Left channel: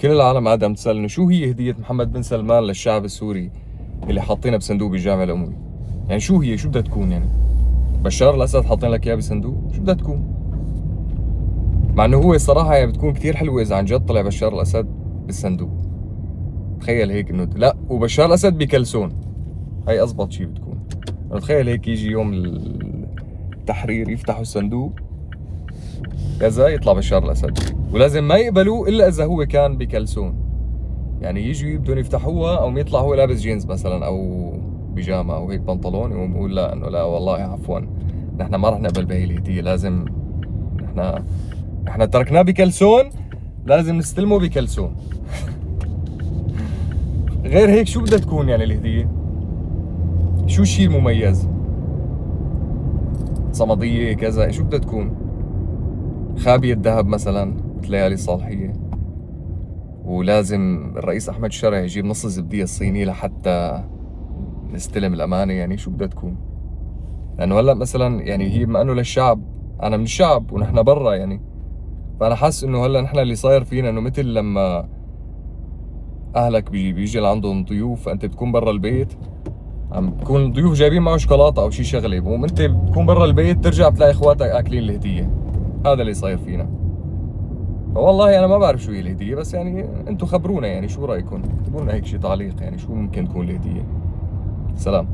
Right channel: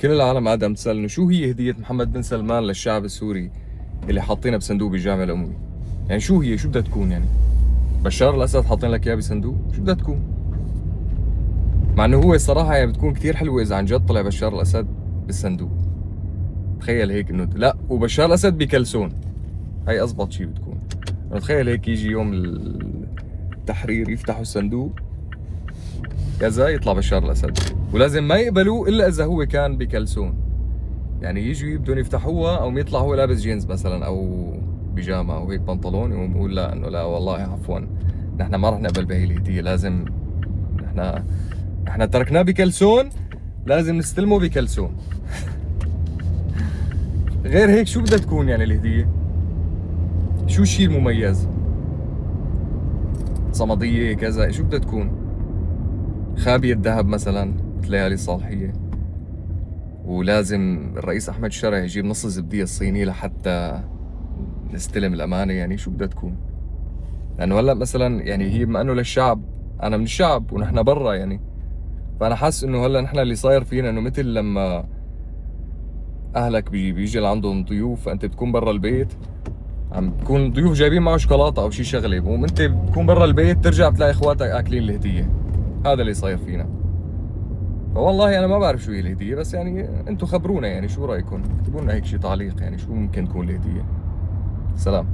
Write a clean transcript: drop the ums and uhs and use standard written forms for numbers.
كل العالم عم تسألني شو هي هدية محمد بن سلمان للشعب السوري اللي حاطينها بصندوق بالجامع الأموي. يعني شو هي، شو بدها تكون يعني؟ بشار الأسد حاطين لك إياه بصندوق، شو بدها تكون؟ مع إنه هو الصراحة يعني بتكون كثير حلوة إذا عن جد طلع بشار الأسد بالصندوق. تخيل هيك إنه لا، وبشار الأسد بكلسون، هي أزبط شيء بتكون. أنا تخيل هيك يجي يوم التحرير يفتحوا الصندوق كذا يطلع بشار الأسد، ولازم ما يقبلوه إلا إذا هو كان بكلسون. يعني يجوا بدهم يفتحوها او يطلع هو لابس جينز مثلا او بيجامه او هيك بنطلون، يقوم يقول لا انه لا والله عفوا نحن ما رح نقبل بهي الهديه، لازم نحن تركناه بكلسون، لازم نستلمه بكلسون. غير هيك شو بدها تكون يعني الهديه؟ شو الشيء المميز؟ صمديه كذا، شو بدها تكون؟ خابية ذهب مثلا ليالي الصالحيه، ولازم الرئيس احمد الشرع يجيب نص الزبديه الصينيه لحتى نستلم الامانه. يعني شو بدها تكون؟ لانه هلا مثلا يعني هي بما انه للشعب، انا من الشعب ونحن برا يعني، فانا حاسس انه هلا نحن اللي صاير فينا انه مثل لما اهلك بيجي لعندهم ضيوف، فانت بتكون برا البيت عم بتكون الضيوف جايبين معه شوكولاته او شيء شغله، بقوم انت بتكون برا البيت ترجع بتلاقي اخواتك اكلين الهديه. هذا اللي صاير فينا. فوالله انا ما بعرف شو هي الهديه، بس يعني انتم خبرونا يعني شو رايكم، اكتبوا لنا هيك شيء تعليق، يعني شو ممكن تكون الهديه. سلام.